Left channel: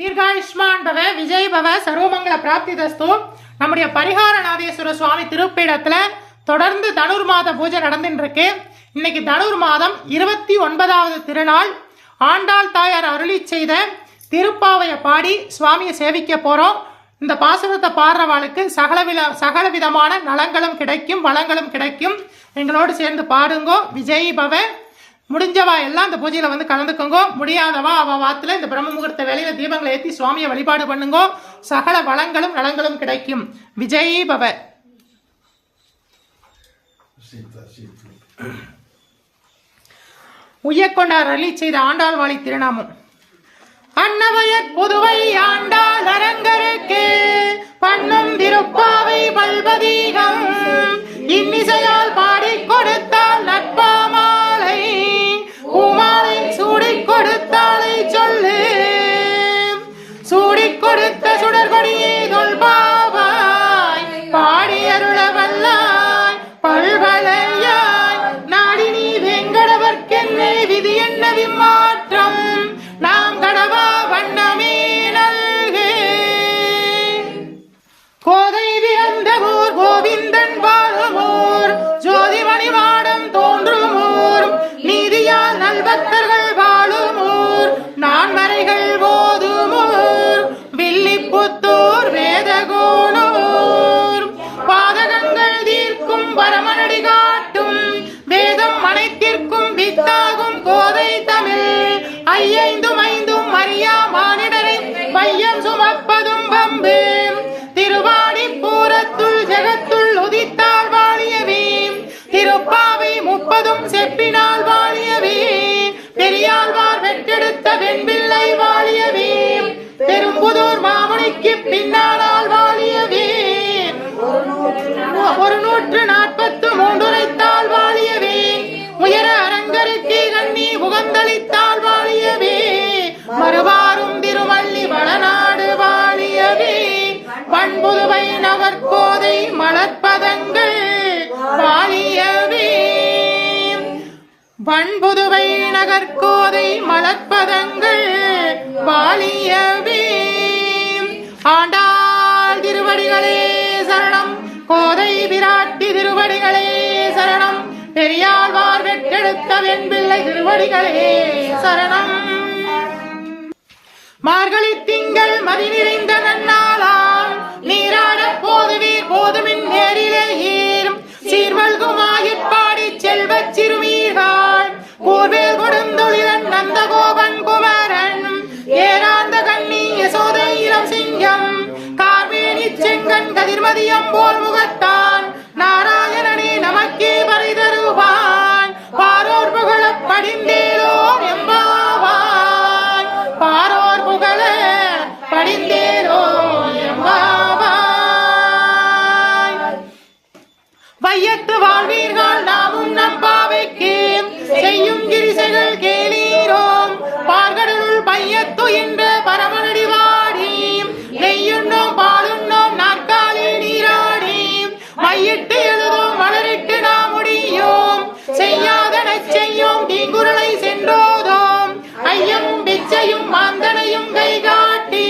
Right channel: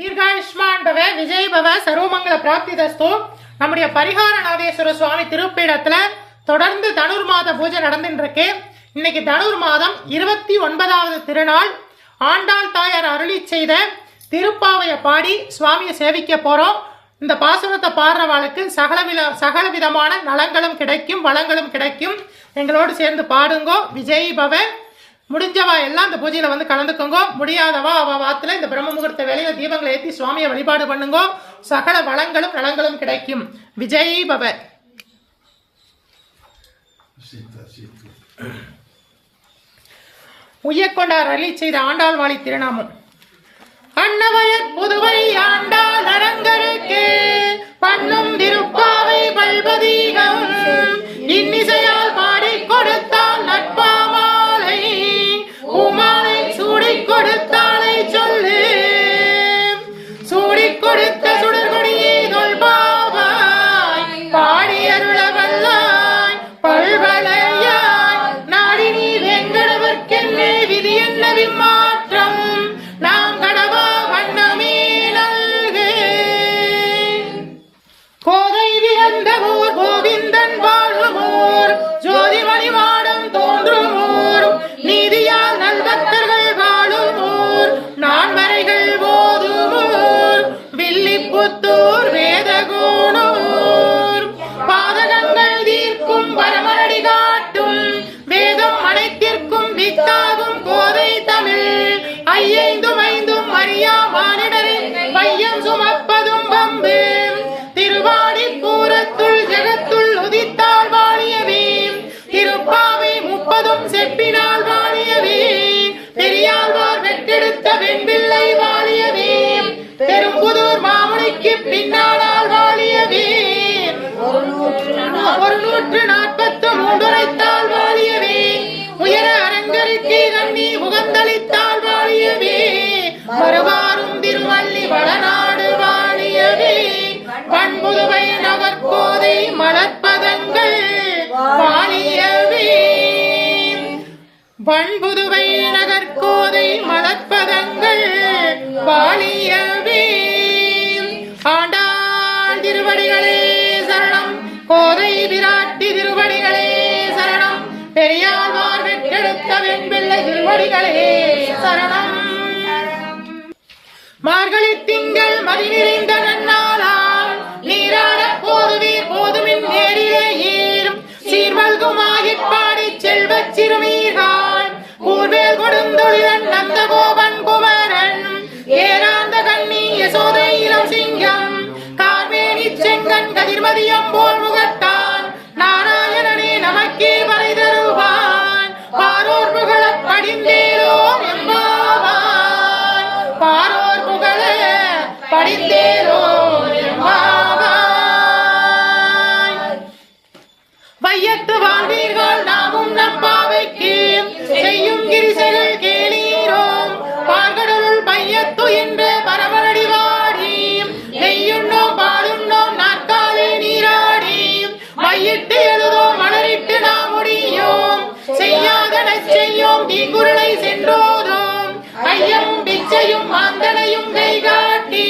தீர்காயுஷ்மான் பவ விஜய் பவ சர்வமங்கல பிராப்தி தஸ்து. நம்முடைய பரிகாரநாதேஸ்வர சுவாமி திருப்பீடத்துல தொடர்ந்து தனுர் மாத பூஜை நடந்துட்டு இருக்கு. இன்னைக்கு தனுர் மாதம் 29வது திருநாள். ஆண்டாள் தாயார் அருளி செய்த திருப்பாவைய பாடி சுவாமியை சேவிக்க போறோம். இந்த பாசுரத்தை பாடுறவாளுக்கு சகல விதமான நலங்களும் கிடைக்கும், வளங்களும் கிடைக்கும். எங்களோடு சேர்ந்து பாடுங்கோ. விஜய் பவ. முடிஞ்சவா எல்லாம் இந்த பூஜையில வந்து கலந்துக்கோங்க. முடியாதவா அவ வாத்துல இந்த பிரம்ம முகூர்த்த வேலையை தீபங்களை ஏற்றி சுவாமியை வழிபாடு பண்ணுங்கோ. சகல வளங்களும் நலங்களும் கிடைக்கும். விஜய் பவ. உய்யக்கொண்டார் அருளி செய்த ஆண்டாள் வாழி திருநாமம். அன்னவயற் புதுவை ஆண்டாள் அரங்கருக்கு பண்ணும் திருப்பாவை பல்பதீகம் இன்னிசையால் பாடி கொடுத்தால் நட்பாமாலை பூமாலை சூடிக் கொடுத்தாலை சொல்லு சூடிக் கொடுத்த சுடர்கொடியே தொல்பாவாய் பாடி அருள வல்லாய் பல்வலையாய் நாடி நீ வெங்கடவர்க்கென்னை விதி என்ன விமாற்றம் நாம் கடவா வண்ணமே நல்கு. கோதை பிறந்த ஊர் கோவிந்தன் வாழுமூர் ஜோதிமணி மாடம் தோன்றுமூர் நீதியால் நல்பக்தர்கள் வாழுமூர் நான்மறைகள் போதுமூர் வில்லிபுத்தூர் வேதகோனூர் பாதகங்கள் தீர்க்கும் பரமனடி காட்டும் வேதம் அனைத்திற்கும் வித்தாகும் கோதை தமிழ் ஐந்தும் அறியா மானிடரை பையன் சுமப்பதும் வம்பு திருவாடி பூரத்துள் ஜெகத்துள் உதித்தாள் வாழியவே திருப்பாவை 30 செப்பினால் வாழியவே பெரியாழ்வார் வெட்டெடுத்த வெண்பிள்ளை வாழியவே பெரும்புதூர் மாமுனிக்கு பின்னாளால் வாழியவே 143 உரைத்தாள் வாழியவே உயர அரங்கருக்கு கண்ணி உகந்தளித்தாள் வாழியவே மறுவாரும் திருவள்ளி வளநாடு வாழியவே பண்புதுவை நகர்கோதை மலர்பதங்கள் வாழியவே பண்புதுவை நகர்கோதை மலர்பதங்கள் வாழியவே. ஆண்டாள் திருவடிகளே சரணம். கோதை விராட்டி திருவடிகளே சரணம். பெரியாழ்வார் வெட்டெடுத்த வெண்பிள்ளை திருவடிகளே சரணம். மார்கழி திங்கள் மதி நிறைந்த நன்னாளாம் நீராட போதுமின் நேரிலே ஏறும் சீர்மல்குமாகிப் பாடி செல்வச் சிறுமீர்கள் கூர்வேல் கொடுந்தொழிலன் நந்தகோபன் குமரன் ஏராந்த கண்ணி யசோதை இளம் சிங்கம் கார்மேனி செங்கன் கதிர்மதியம் போல் முகத்தான் நாராயணனே நமக்கே பறை தருவான் பாரோர் புகழ படிந்தேலோ எம்பாவான் பாரோர் புகழ படிந்தேலோ எம்பாவான். வையத்து வாழ்வீர்கள் நாமும் நம்பாவைக்கு செய்யும் கிரிசைகள் கேளீரோம் பார்கடலுள் பையத்து இன்று பரமனடி வாடி வெய்யுண்ணோம் பாலுண்ணோம் நாற்காலை நீராடி மையிட்டு எழுதோம் மலரிட்டு நாம் முடியோம் செய்யாதன செய்யோம் தீங்குருளை சென்றோதோம் ஐயமும் பிச்சையும் மாந்தனையும் கை காட்டி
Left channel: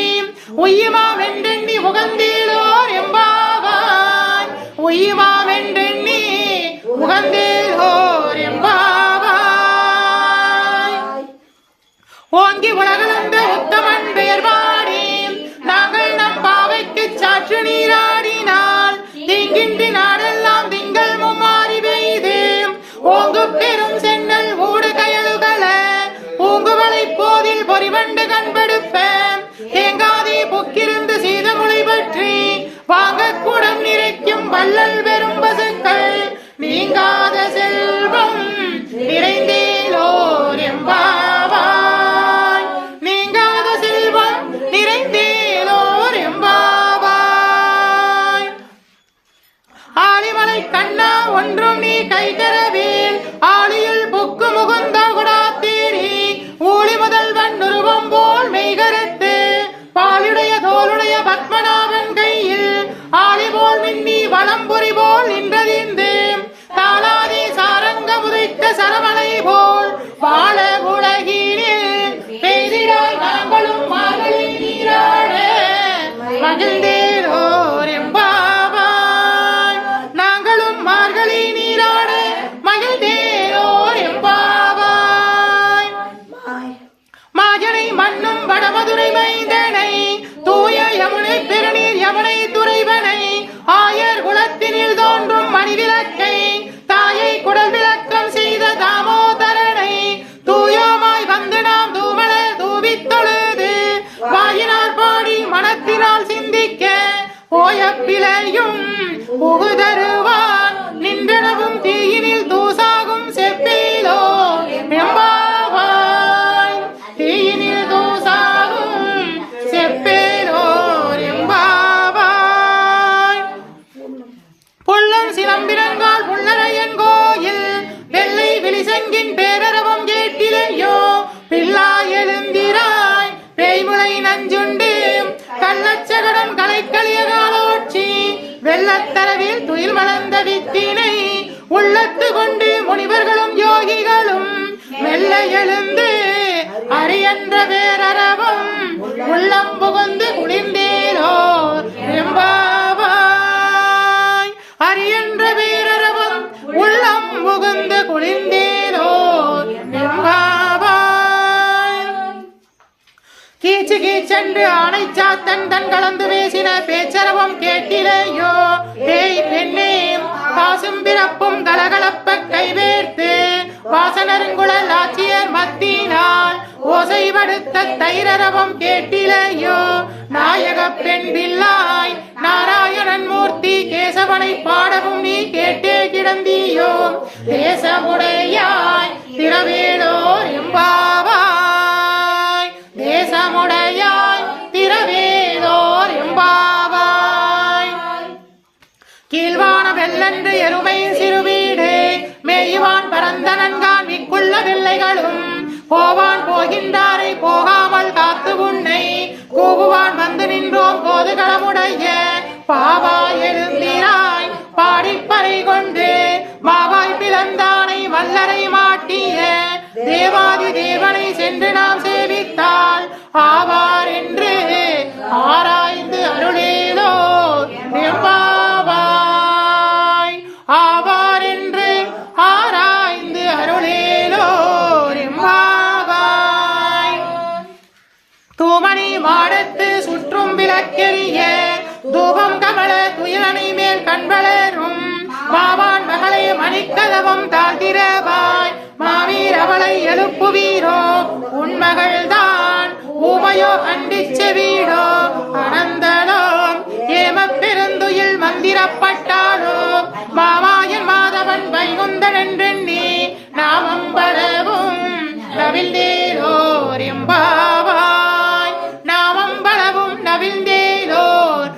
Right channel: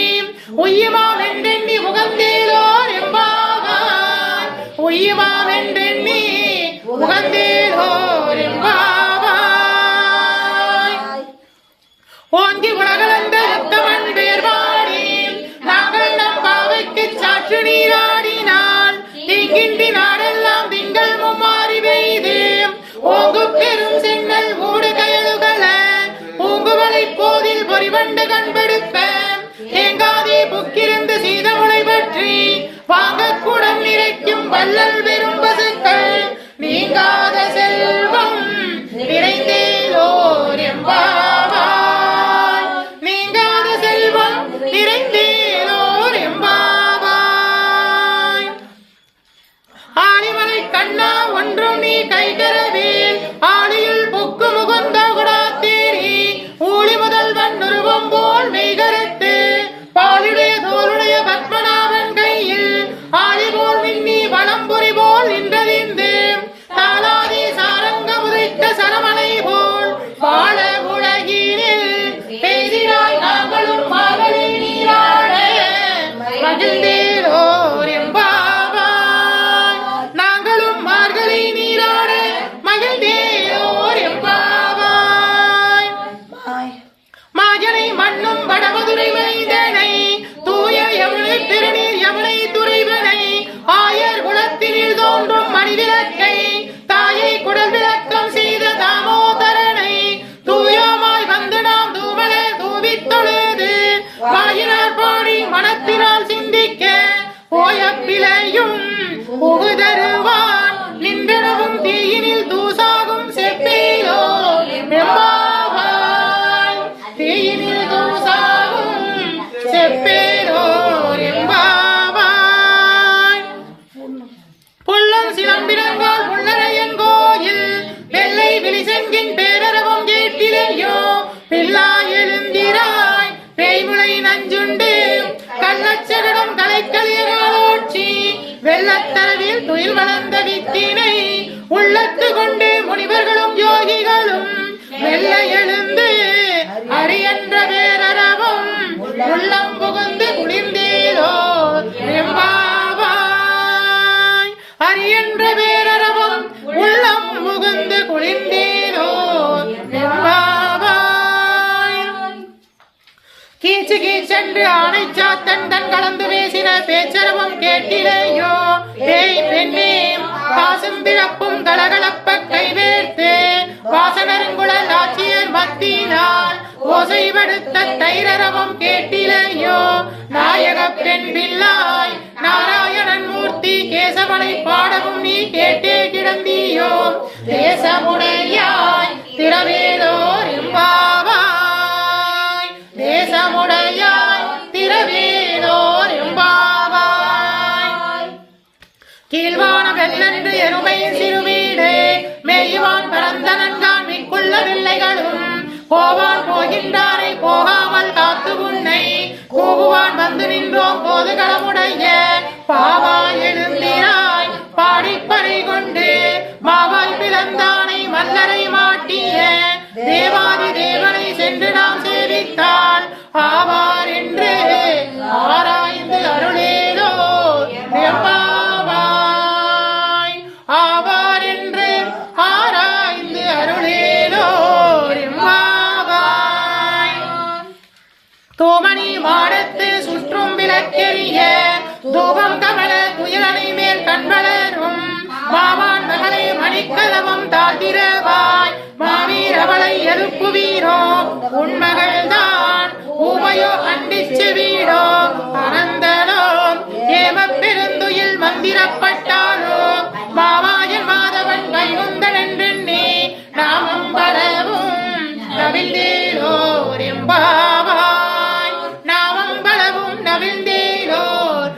உய்யுமா வெண்டெண்ணி உகந்தேலோ எம்பாவான் உய்யுமா வெண்டெண்ணி உகந்தேலோ எம்பாவான். ஓங்கி உலகளந்த உத்தமன் பெயர் பாடி நாங்கள் நம் பாவைக்கு சாற்று நீராடினால் தீங்கின்றி நாடெல்லாம் திங்கள் மும்மாறி பெய்து ஓங்கு பெரும் சென்னல் மூடு கயலுகள பூங்குவளை போதில் பொறிவண்டு கண்பெடுப்ப தேங்காதே புக்கிருந்து சீதமுளை பற்றி வாங்க குடம் நிறைக்கும் வள்ளல் பெரும் பசுக்கள் நீங்காத செல்வம் நிறைந்தேலோர் எம்பாவாய் நீங்காத செல்வம் நிறைந்தேலோர் எம்பாவாய். ஆலிமலை கண்ணா ஒன்றும் நீ கைதரவே ஆளியுள் புக்கு முகுந்த குடாத்தீரி ஊழி முதல்வன் உருவம் போல் மெய்கருத்து பாலுடைய தோளுடைய பத்மநாபன் கையில் ஆளி போல் மின்னி வளம்புரி போல் நின்றதிந்து தாளாதி சாரங்க உதைத்த சரமலை போல் வாழ உலகினில் பெய்திராய் நாங்களும் மார்கழி நீர போயப்பிலையும் புகுதருவான் நின்றனவும் தீயினில் தூசாகும் செப்பேலோ எம்பாவாய் தீயினில் தூசாகும் செப்பேலோ எம்பாவாய் புள்ளன் சிலம்பினங்கால் புள்ளரையன் கோயில் வெள்ளை விழிசெங்கின் பேரரவம் கேட்டிலையோ பிள்ளாய் எழுந்திராய் பேய்முளை நஞ்சுண்டு கள்ளச்சகடம் கலைக்களியராட்சி வெள்ளத்தரவில் துயில் வளர்ந்த வித்தினை உள்ளத்து கொண்டு முனிவர்களும் யோகிகளும் வெள்ள எழுந்து அரியன்ற பேரரவம் உள்ளம் புகுந்து குளிர்ந்தேலோ எம்பாவாய் அரியன்ற பேரரவம் உள்ளம் புகுந்து குளிர்ந்தேலோ எம்பாவாய் கீச்சு கீச்சென்று ஆணை சாத்தன் தன் கலந்து பேசின பேச்சரவம் கேட்டிலேயோ ஏய் பெண்ணே காசும் பிறப்பும் கலகலப்ப கைவேர்த்து வாசனருங்குழல் ஆட்சியர் மத்தினால் ஓசைப்படுத்த தைரரவம் கேட்டிலேயோ நாயக பெண் பிள்ளாய் நாராயணன் மூர்த்தி கேசவனை பாடவும் நீ கேட்டே கிடந்தியோ தேசமுடையாய் திரவேலோர் எம்பாவாய் தேசமுடையாய் திரவேலோர் எம்பாவாய் கீழ்வான வெள்ளன்று எருமையின் சிறுவீடு மேய்வான் பரந்த நன்கான் மிக்குள்ள பிள்ளைகளும் போவான் போகின்றாரை போகாமல் காத்து உன்னை கூவுவான் வந்து நின்றோம் கோதுகளமுடைய பாவாய் எழுந்திராய் பாடிப்பறை கொண்டு மாவாய் பிளந்தானை மல்லரை மாட்டிய தேவாதி தேவனை சென்று நாம் சேவித்தால் ஆவார் என்று ஆராய்ந்து அருளேலோ எம்பாவாய் ஆவார் என்று ஆராய்ந்து அருளேலோ எம்பாவாய் தூமணி மாடத்து சுற்றும் விளக்கெரிய தூபம் கமல குயிலனை மேல் கண்வளரும் மாவான் மகளை மணிக்கலவம் தாழ்த்திரவாய் மாவீர் அவளை எழுப்புவீரோ உன்மகள்தான் ஊமையோ கண்டிச்ச வீடோ அனந்தலோ ஏம பெருந்துயில் மந்திரப்பட்டாலோ மாவாயன் மாதவன் வைகுந்தன் என்றெண்ணி நாமம் பலவும் நவிழ்ந்தேலோர் எம்பாவாய் நாமம் பலவும் நவிழ்ந்தேலோர்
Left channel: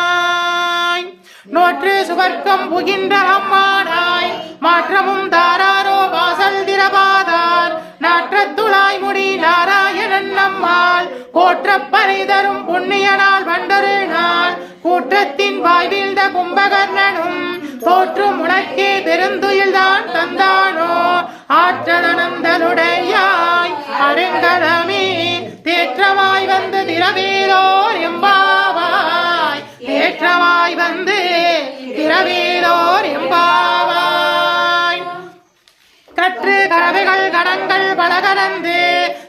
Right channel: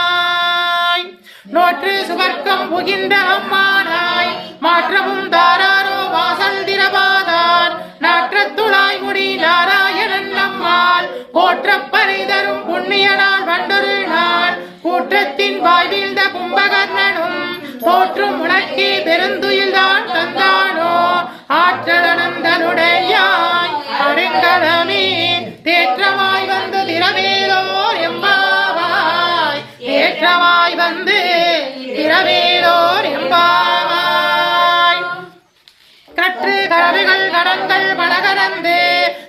எம்பாவாய் நோற்று சுவர்க்கம் புகின்ற அம்மானாய் மாற்றமும் தாராரோ வாசல் திரபாதான் நாற்றத்துளாய் முடி நாராயணன் நம்மால் போற்றப் பறை தரும் புண்ணிய நாள் வண்டொரு நாள் கூற்றத்தின் வாய் வீழ்ந்த கும்பகர்ணனும் தோற்றும் உனக்கே பெருந்துயில்தான் தந்தானோ ஆற்றலனந்தனுடையாய் அருங்கலமே தேற்றமாய் வந்து திரவேலோர் எம்பாவாய் ஏற்றமாய் வந்து திரவேலோர் எம்பாவாய் கற்று கரவைகள் கடன்கள் பலகலந்து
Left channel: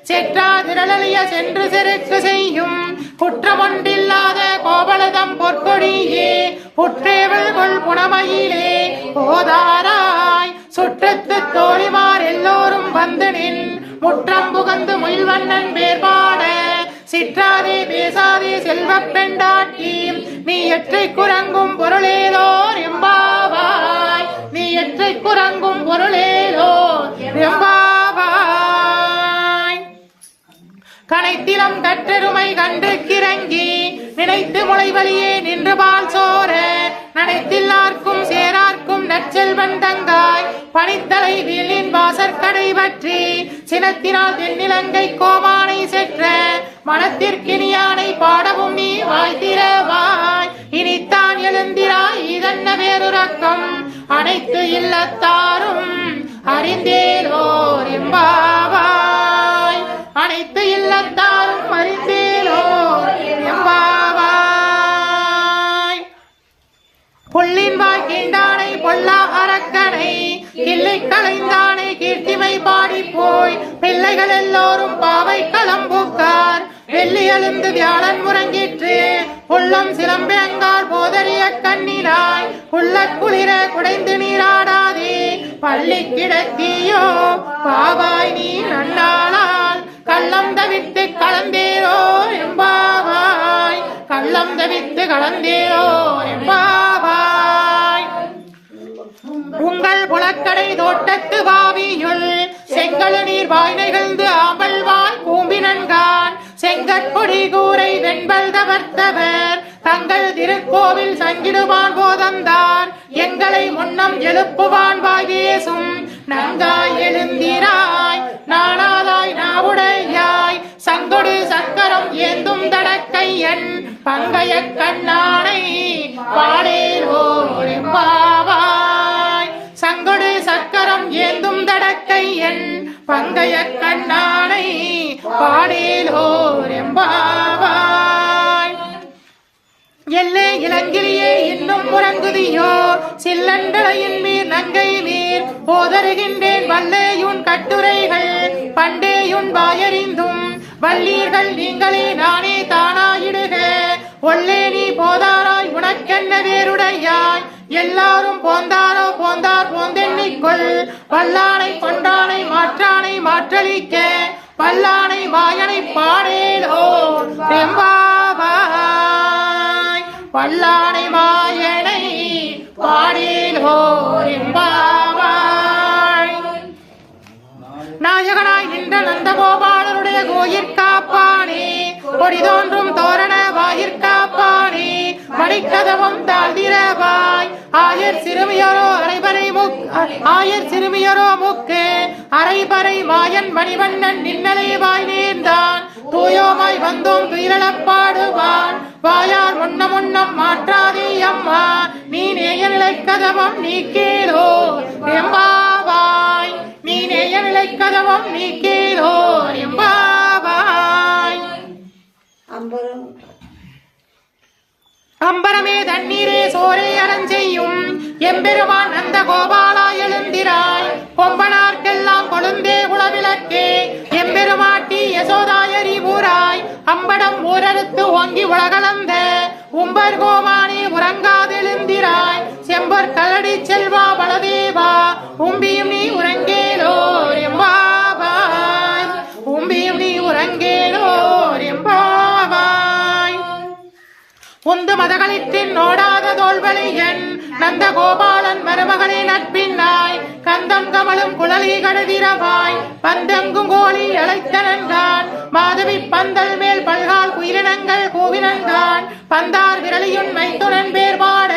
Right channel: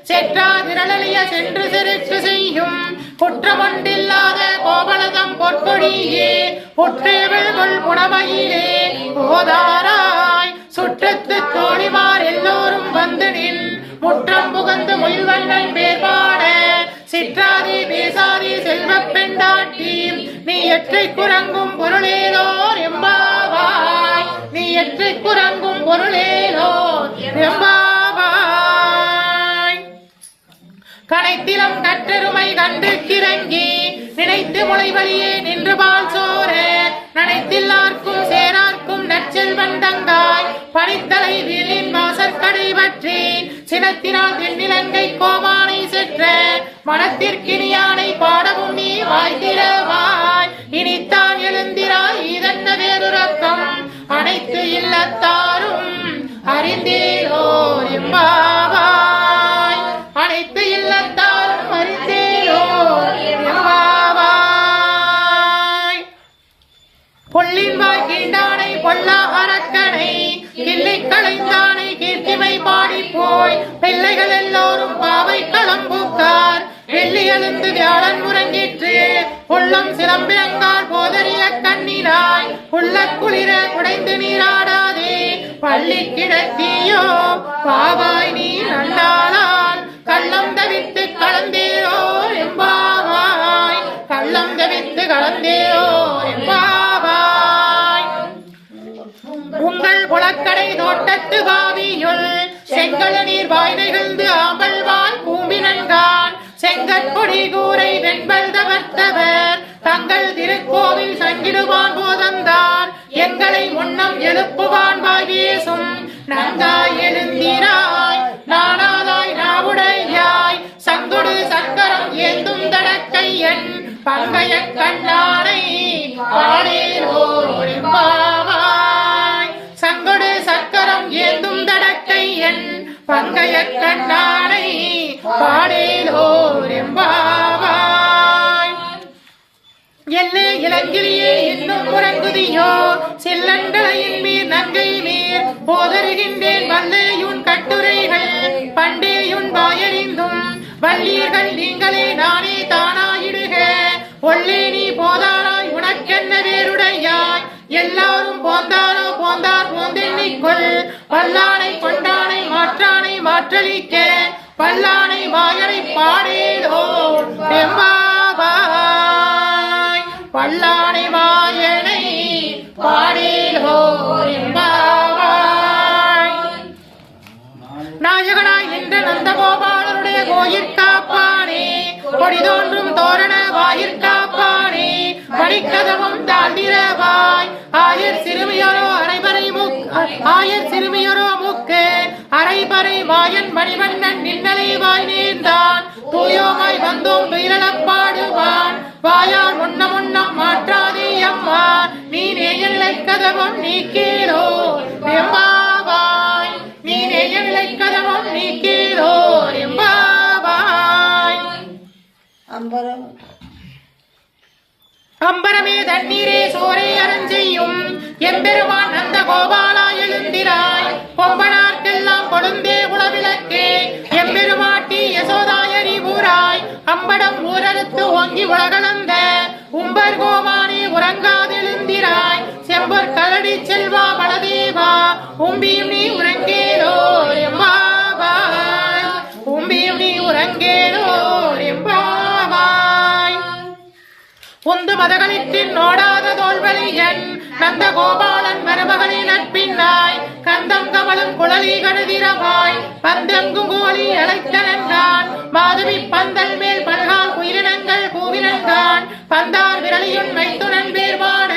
செற்றா திரளிய சென்று செருக்கு செய்யும் குற்றமொன்றில்லாத கோபலதம் பொற்கொடியே புற்றேவள் புனமையிலே போதாராய் சுற்றத்து தோழிமார் எல்லோரும் வந்து நின் முற்றம் புகந்து முயல்வண்ணன் பேர்பாட சிற்றாதே பேசாதே செல்வப் பெண்டாட்டி நீ எற்றை குரங்கும் பொருளேலோர் எம்பாவாய் நீ எற்றை குரங்கும் பொருளேலோர் எம்பாவாய் கனைத்திலம் கற்றருமை கண்டு கிறங்கி நினைத்து முளைவழியே நின்று பால் சோர நனைத்தில்லார்க்கும் சேரார்க்கும் நற்செல்வன் தங்காய் பனித்தலை வீழின் வாசற்கடை பற்றி சினத்தினால் தென்னிலங்கை கோவானை செற்ற மனத்திற்கினியானை பாடவும் நீ வாய்த்திரவாய் இனித்தான் எழுந்திராய் இதன்ன வேறுரக்கம் அனைத்து இல்லத்தாரும் அறிந்தேலோர் எம்பாவாய் அனைத்து இல்லத்தாரும் அறிந்தேலோர் எம்பாவாய் புள்ளின் வாய் கீண்டானை பொல்லா அரக்கனை கிள்ளை களைந்தானை கீர்த்திமை பாடி போய் பிள்ளைகள் எல்லோரும் பாவை களம்பூக்கார் வெள்ளி எழுந்து வியாழன் முறங்கிற்று உள்ளம் சிலம்பினங்கால் போதறிய கண்ணினாய் உள்ள குளிர குடைந்து நீராடாதே பள்ளி கிடத்தியோ பாவாய் நீர் நண்டாளால் கள்ளம் தவிட்டு கலந்தேரோ எம்பாவாய் கலந்தேனோ எம்பாவாய். உங்கள் புலக்கடை தோட்டத்து பாவியுள் செங்கல நீர் வாய் நிகழ்ந்து ஆம்பல்வான் கூம்பினன்கான் செங்கற்பொடி கூரை வெண்பல் தவர்த்தவர் தங்கள் திருக்கோவில் சங்கிடுவான் போதந்தான் எங்களை முன்னம் எழுப்புவான் வாயேசும் நங்காய் எழுந்திராய் நானாதாய் நாவுடையாய் சங்கொடி சக்கரம் ஏந்தும் தடக்கையன் பங்கைய கண்ணானை பாடேரோ எம்பாவாய். சங்கொடு சக்கரம் ஏந்தும் தடக்கையன் பங்கைய கண்ணானை பாடேரோ எம்பாவாய். எல்லே இளங்கிலியே இன்னும் உறங்குதியோ சில்லண்டளையின் மீர் நங்கை மீர் போதருகின்றேன் வல்லேயுன் கட்டுரைகள் பண்டேயுன் வாயறிந்தும் வல்லீர்கள் நீங்களே நானே தானாயிடுக ஒல்லே நீ போதாராய் உனக்கென்ன வேறுடையாய் எல்லாரும் போந்தாரோ போந்தார் போந்தெண்ணிக்குள் வல்லானை கொண்டானை மாற்றானை மாற்றலிக்க வல்லானை வாயனை பாடேலோ எம்பாவாய். வல்லானை வாயனை பாடேலோ எம்பாவாய். நாயகனாய் நின்ற நந்தகோபாலனுடைய கோயிற்காப்பானே கொடி தோன்றும் தோரண வாயிற்காப்பானே மணிக்கதவம் தாழ்ந்திரவாய் ஆயர் சிறுமியரோ முக்கு அரைபறை வாயன் மணிவண்ணன் நின்னலை வாய் நேர்ந்தான் தூயோமாய் வந்தோம் துயிலப்பாடுவான் வாயால் முன்னம் மாற்றாதே அம்மா நீ நேயலை கதவம் நீ கீழோ எம்பாவாய். நீ நேயலை கதவம் நீ கீழோ எம்பாவாய். அம்பரமே தண்ணீரே சோரே அரஞ்செய்யும் எம்பெருமான் நந்த கோபாலா எழுந்திராய் கொம்பனார்க்கெல்லாம் கொழுந்தே குலவிளக்கே எம்பெருமாட்டி யசோதாயரி ஊராய் அம்படம் ஊரறுத்து ஓங்கி உலகளந்த உம்பர் கோமானே உறங்காதெழுந்திராய் செம்பர் கலடி செல்வா பலதேவா உம்பியும் நீ உறங்கேலோ எம்பாவாய். உம்பியும் நீ உறங்கேலோ எம்பாவாய். உந்து மதகளிற்றின் நோடாத தோல்வலியன் நந்த கோபாலன் மருமகளின் நட்பின்னாய் கந்தம் கமலும் குழலி கடுதிரமாய் பந்தெங்கும் கோழி அழைத்தனன்றான் மாதவி பந்தல் மேல் பல்கால் குயிரினங்கள் கூவினன்றான் பந்தார் விரலியுன் மைத்துனன் பேர்பாட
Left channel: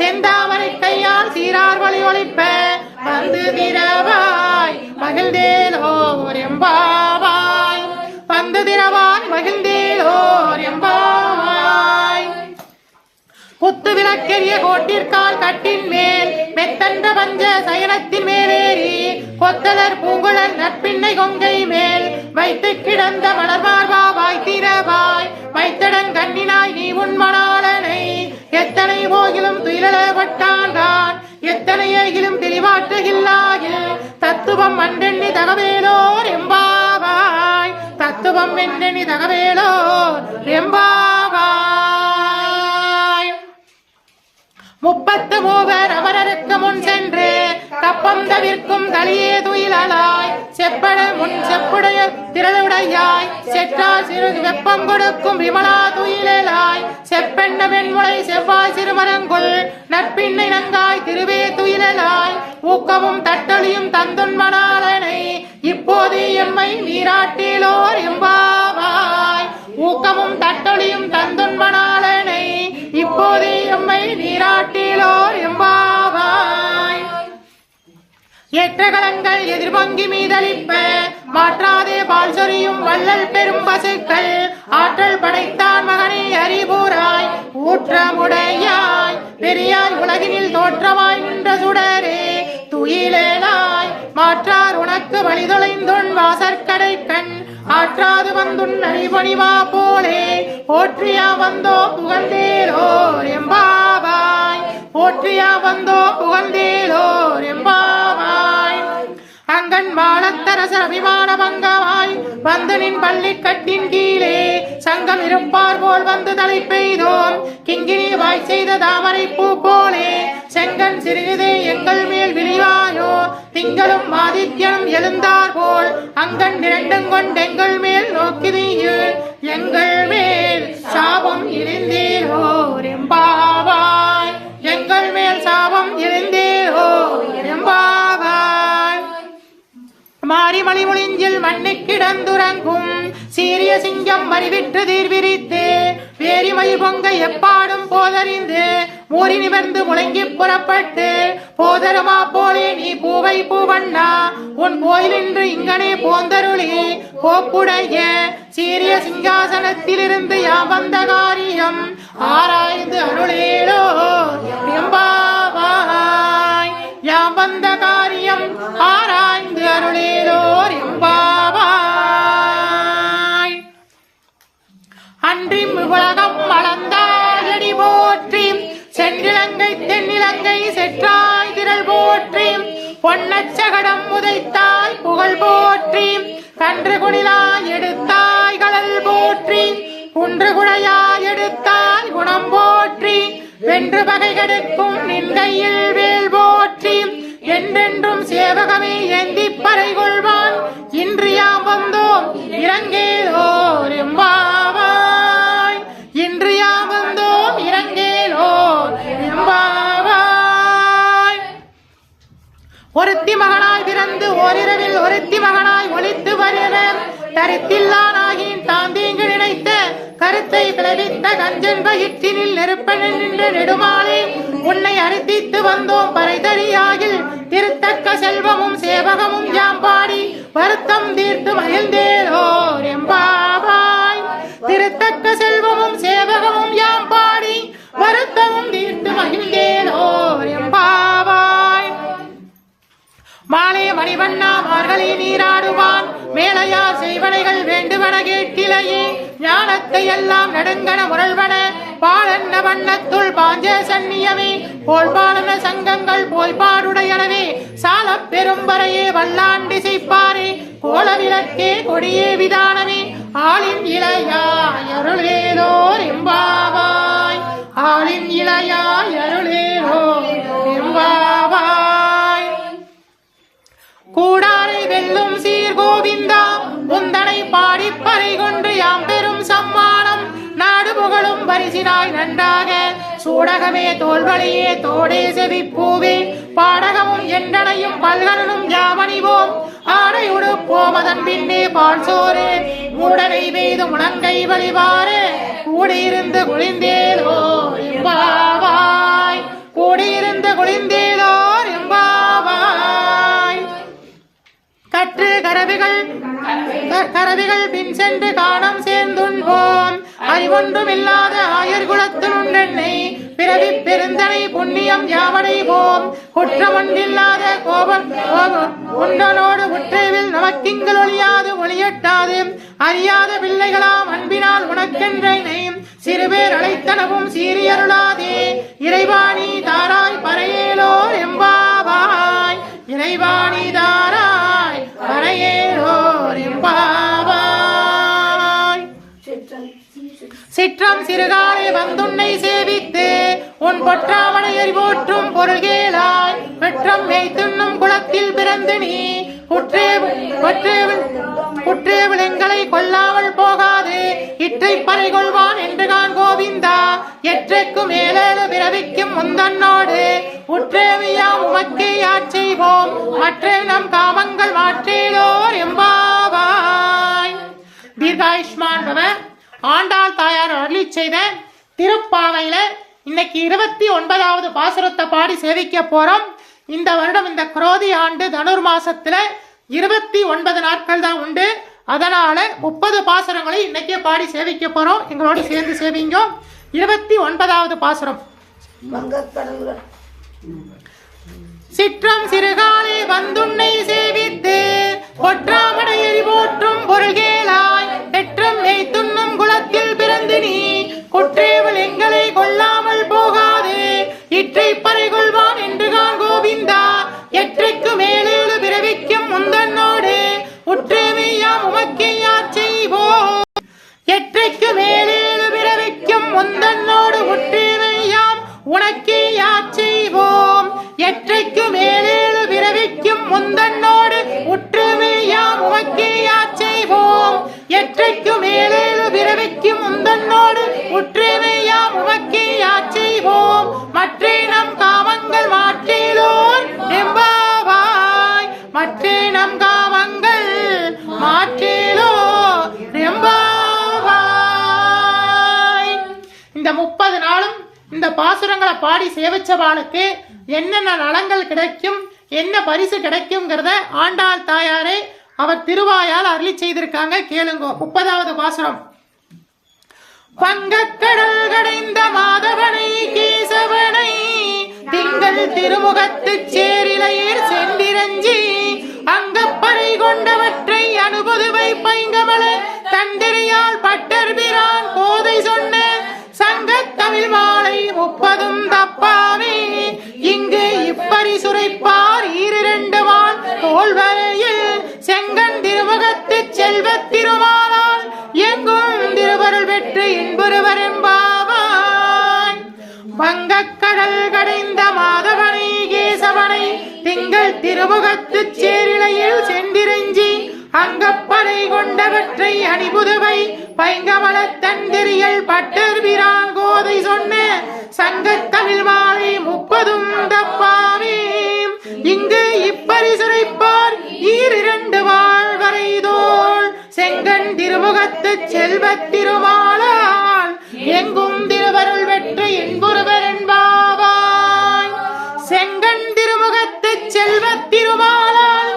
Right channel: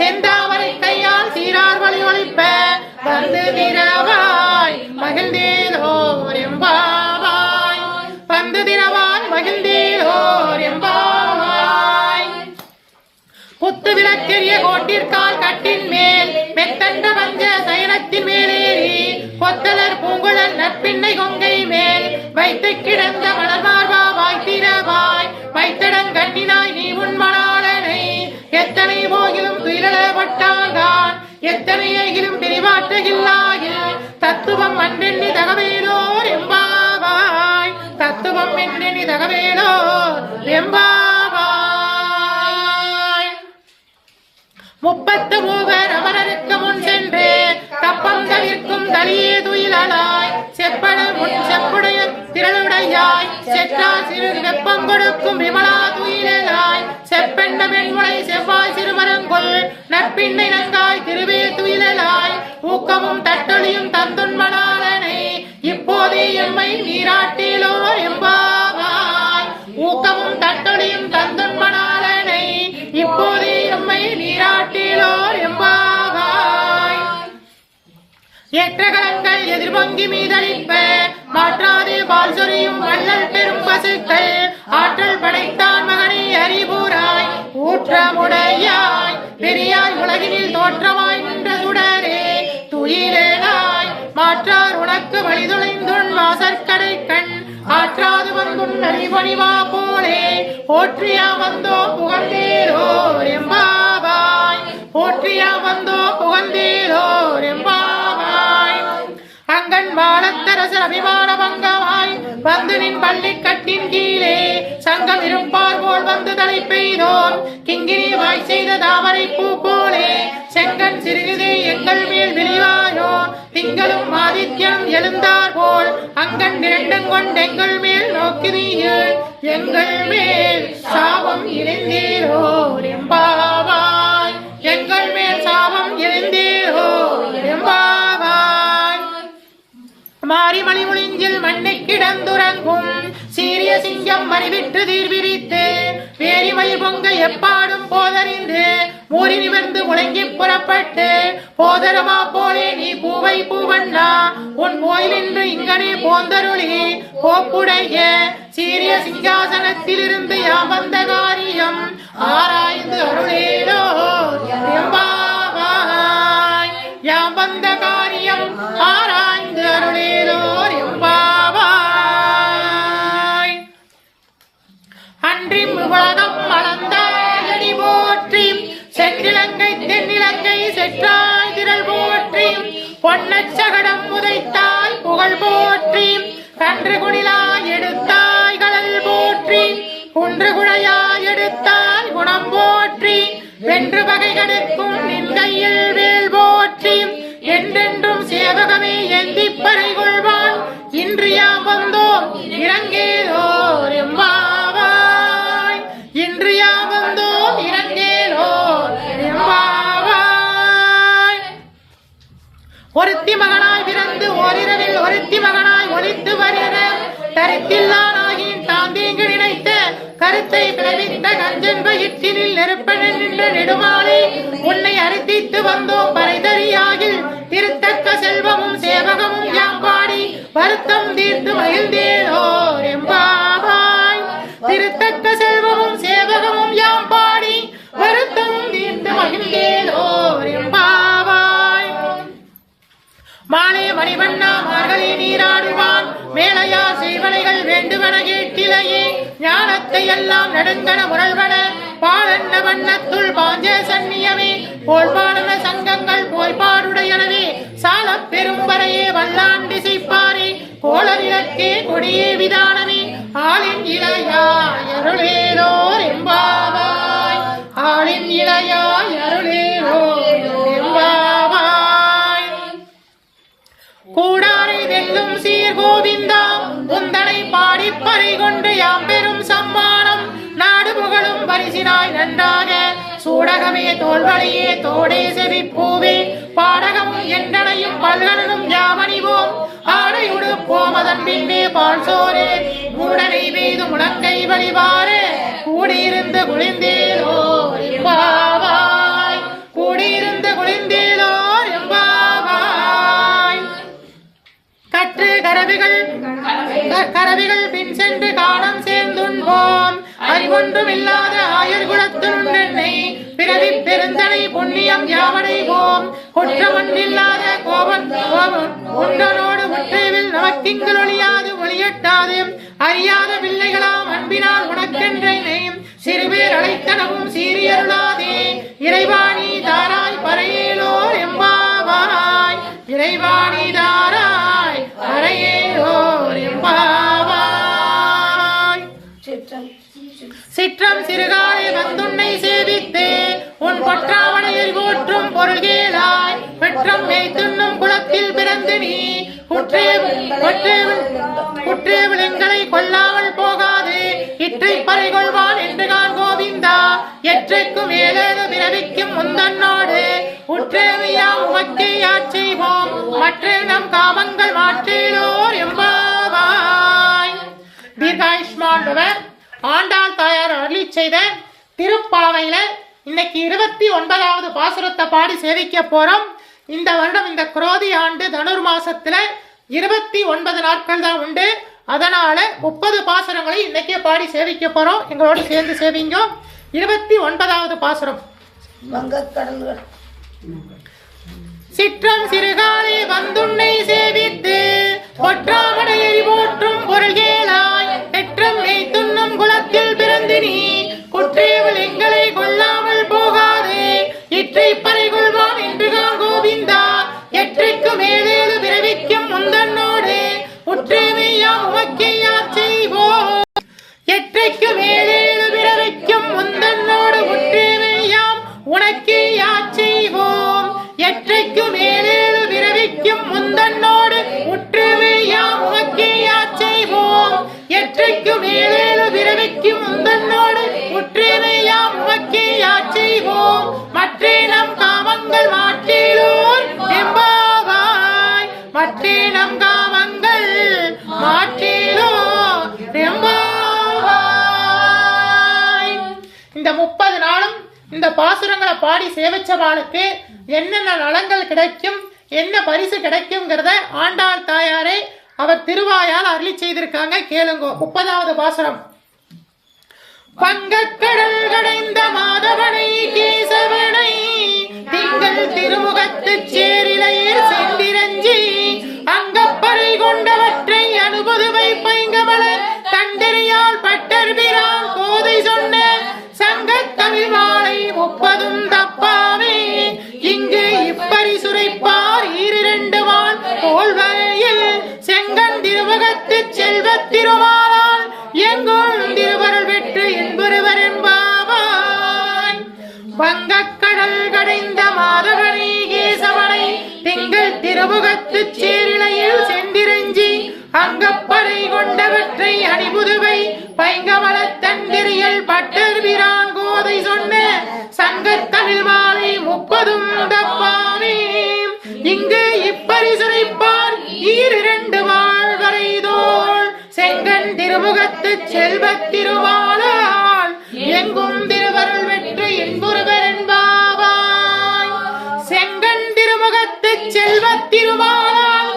செந்தாமரை கையால் சீரார் வழி ஒழிப்ப வந்து திரவாய் மகிழ்ந்தேலோர் எம்பாவாய். வந்து திரவாய் மகிழ்ந்தேலோர் எம்பாவாய். குத்து விளக்கெரிய கோட்டிற்கால் கட்டின் மேல் மெத்தன்ற பஞ்ச சயனத்தின் மேலேறி கொத்தலர் பூங்குழல் நற்பின்னை கொங்கை மேல் வைத்து கிடந்த மலர்மார்வா வாய்த்திரவாய் வைத்தடன் கண்ணினாய் நீ உன் மணாளனை எத்தனை போகிலும் துயிலப்பட்டான் எத்தனை ஏகிலும் பிரிவாற்றுகில்லாயில் தத்துவம் அன்றெண்ணி தகவேலோர் எம்பாவாய். தத்துவம் என்றெண்ணி தகவேலோர் எம்பாவாய். 33 அவரருக்கு முன் சென்று கப்பம் தவிர்க்கும் தலியே துயிலாய் செப்பட முன் செப்புடைய திரளுடையாய் செற்றால் சிறு வெப்பம் கொடுக்கும் விமலா துயிலாய் செப்பெண்ட வெண்முளை செவ்வாய் சிறுமரங்குள் நற்பின்னை நங்காய் திருவே துயிலாய் ஊக்கமும் தட்டொழியும் தந்துன்மணாளனை இப்போதே எம்மை நீராட்டிலோர் எம்பாவாய். ஊக்கமும் தட்டொழியும் தந்துன்மணாளனை இப்போதே எம்மை நீராட்டிலோர் எம்பாவாய். ஏற்றகலங்கள் எதிர்பொங்கி மீதளிப்ப மாற்றாதே பால் சொரியும் வள்ளல் பெரும் பசுக்கள் ஆற்றல் படைத்தான் மகனை அறிவுராய் ஊற்றமுடையாய் பெரியாய் உலகினில் தோற்றமாய் நின்ற சுடரே துயிலாய் மாற்றார் உனக்கு வழிதொலைந்துன் வாசற்கடை கண் ஆற்றாது வந்துன் நரிபொழிவா போலே போற்றியா வந்தோ புகழ்ந்தேலோர் எம்பாவாய். போற்றியா வந்தோ புகழ்ந்தேலோர் எம்பாவாய். அங்கன் வாழத்தரசர் அபிமான பங்கமாய் வந்து நின் பள்ளி கட்டின் கீழே சங்கம் இருப்பார் போல் வந்து தலை பெய்தோம் கிங்கினி வாய் செய்த தாமரை பூ போலே செங்கன் சிறுகுதே எங்கள் மேல் விரிவாயோ திங்களும் ஆதித்யம் எழுந்தார் போல் அங்கன் இரண்டும் கொண்டெங்கள் மேல் நோக்கினீர் எங்கள் மேல் சாபம் இணைந்தீரோ மண்ணை கிடந்துறங்கும் சீரிய சிங்கம் மறிவிற்று தீர்விரித்து வேரிமயிர் பொங்க எப்பாடும் போதறிந்து மூறி நிமிர்ந்து முழங்கி புறப்பட்டு போதருமா போலே நீ பூவை பூவண்ணா உன் கோயிலின்று இங்கனே போந்தருளி போக்குடைய சீரிய சிங்காசனத்திலிருந்து யாம் வந்த காரியம் ஆராய்ந்து அருளேலோ எம்பாவாய். யாம் வந்த காரியம் ஆராய்ந்து அருளேலோர் எம்பாவாய். அன்றி உலகம் அளந்தாயடி போற்றி சென்னிலங்கை தென்னிலங்கை செற்றாய் திரள் போற்றி பொன்னச்சகடம் உதைத்தாய் புகழ் போற்றி கன்று குடிலாய் எடுத்தாய் கடல் போற்றி குன்று குடையாய் எடுத்தாய் குணம் போற்றி வென்று பகை கெடுக்கும் நின்கையில் வேல் போற்றி என்றென்றும் சேவகமே ஏந்தி பறை கொள்வான் இன்றியாம் வந்தோம் இறங்கேலோர் எம்பாவாய். இன்றியாம் வந்தோம் இறங்கேலோர் எம்பாவாய். ஒருத்தி மகனாய் பிறந்து ஓரிரவில் ஒருத்தி மகனாய் ஒழித்து வருகிற கருத்தில்லானாகின் தாந்தீங்கு நினைத்த கருத்தை விளைவித்த கஞ்சன் வயிற்றினில் நெருப்பனில் நின்ற நெடுமாலே உன்னை அறுத்தித்து வந்தோம் பறைதறியாகில் திருத்தக்க செல்வமும் சேவகமும் யாம் பாடி வருத்தம் தீர்த்து மகிழ்ந்தேலோர் எம்பாவாய். திருத்தக்க செல்வமும் சேவகமும் யாம் பாடி வருத்தமும் தீர்த்து மகிழ்ந்தேலோர் எம்பாவாய். மாலே மணிவண்ணா மார்கழி நீராடுவான் மேலையார் செய்வனைகள் வேண்டுவன கேட்டிலையே ஞானத்தை எல்லாம் நடுங்கன முரல்வன பாலன்ன வண்ணத்துள் பாஞ்ச சன்னியமே போல்பாடன சங்கங்கள் போய்பாடுடையனவே சால பெரும்பறையே வல்லாண்டி செய்ப்பாரே கோல விளக்கே கொடியே விதானமே ஆளின் இளையாய் அருளேலோர் எம்பாவாய். ஆளின் இளையாய் அருளேலோர் எம்பாவாய். கூடாரை வெல்லும் சீர் கோவிந்தா உந்தனை பாடி பறை கொண்டு யாம் பெரும் சம்மானம் நாடு புகழும் பரிசினாய் நன்றாக சூடகமே தோல்வளையே தோடே செவிப்பூவே பாடகமும் எண்டனையும் பல்கலனும் யாமணிவோம் ஆடை உடுப்போம் அதன் பின்னே பால் சோரே மூடனை பெய்து முழங்கை வழிவாரே கூடியிருந்து குளிந்தேலோர் எம்பாவாய். கூடியிருந்து குளிந்தேலோர் எம்பாவாய். கற்று கரவிகள் பின் சென்று காணம் சேர்ந்துண்போம் அறிவொன்றும் இல்லாத ஆயர் குலத்துணை பிறவி பெருந்தனை புண்ணியம் யாவடைவோம் குற்றமொன்றில்லாத கோபம் உண்டனோடு முற்றேவில் நமக்கிங்கள் ஒழியாது ஒளியட்டாது அறியாத பிள்ளைகளாம் அன்பினால் உனக்கென்றனை சிறுபேர் அழைத்தனவும் சீரியருளாதே இறைவாணி தாராய் பறையேலோர் எம்பாவாய். இறைவாணி தாராய் பறையேலோர் எம்பாவாய். சிற்றம் சிறுகாலை வந்துன்னை சேவித்து உன் பொற்றாவணையை போற்றும் பொருள் கேளாய் பெற்றம் மெய்த்துண்ணும் குலத்தில் பிறந்து நீ குற்றேவிளங்களை கொல்லாமல் போகாது இற்றை பறை கொள்வான் என்று நான் கோவிந்தா. எற்றைக்கும் ஏழேழு பிறவிக்கும் முந்தன்னோடு உற்றேவியாம் உமக்கே ஆட்செய்வோம் மற்றே நம் காமங்கள் மாற்றேலோர் எம்பாவாய். தீர்காயுஷ்மான் பவ. ஆண்டாள் தாயார் அருளி செய்த திருப்பாவையில இன்னைக்கு 29வது பாசுரத்தை பாடி சேவிக்க போறோம். இந்த வருடம் இந்த குரோதி ஆண்டு தனுர் மாசத்துல 29 நாட்கள் தான் உண்டு. அதனால 30 பாசுரங்களை இன்னைக்கே பாடி சேவிக்க போறோம். எங்களோட சேர்ந்து சேவிங்க. 29வது பாசுரம். சிற்றம் சிறுகாலே வந்துன்னை சேவித்து பொற்றாமடையை போற்றும் பொருள்கேளாய் பெற்றம் துண்ணும் குலத்தில் பிறந்து நீ குற்றேவல் எங்களை கொள்ளாமல் போகாதே இற்றை பறை கொள்வான் என்று கோவிந்தா. எற்றைக்கு மேலேழு பிறவிக்கும் முந்தன்னோடு உற்றேமையாம் உமக்கே ஆட்செய்வோம். எற்றைக்கு மேலேழு பிறவிக்கும் முந்தன்னோடு உற்றேமையாம் உனக்கே ஆட்செய்வோம். எற்றைக்கு மேலேழு பிறவிக்கும் முந்தன்னோடு உற்றேமையாம் உமக்கே ஆட்செய்வோம். எற்றைக்கு மேலேழு பிறவிக்கும் முந்தன்னோடு உற்றேமையாம் உமக்கே ஆட்செய்வோம். மற்றே நம் காமங்கள் மாற்றேலோர் எம்பாவாய். மற்றே நம் காமங்கள் இந்த 30 நாளும் இந்த பாசுரங்களை பாடி சேவிச்சவாளுக்கு என்னென்ன நலங்கள் கிடைக்கும், என்ன பரிசு கிடைக்கும்ங்கிறத ஆண்டாள் தாயாரே அவர் திருவாயால் அருளி செய்திருக்காங்க. கேளுங்க. 30வது பாசுரம். பங்கக்கடல் கடைந்த மாதவனை கேசவனை திங்கள் திருமுகத்து சேரிலையர் செந்திரஞ்சி அங்கப்பறை கொண்டவற்றை அனுபுதுவை பைங்கமல தண்டறியால் பட்டர் பிரான் கோதை சொன்ன சங்கத் தமிழ் மாலை 30 தப்பாவே இங்கு இப்பரி சுரைப்பார் 2 வான் தோல்வரையில் செங்கன் திருமுகத்து செல்வத் திருமாலால் எங்கும் திருவருள் பெற்று இன்புறுவர் என்பாவான். வங்கக்கடல் கடைந்த மாதவனை கேசவனை திங்கள் திருமுகத்து சேரிலையில் செந்திரஞ்சி அங்கப்படை கொண்டவற்றை அணிபுதுவை பைங்கமல தண்டிரியல் பட்டர் பிரான் கோதை சொன்ன சங்கத் தமிழ் மாலை 30 தப்பாவே இங்கு இப்பரிசுரைப்பார் 2 வாழ்வரை தோள் செங்கன் திருமுகத்து செல்வத் திருமாலால் எங்கும் திருவருள் வெற்று இன்புறுவர் என்பாவாய். செங்கன் திருமுகத்து செல்வத் திருமாலால்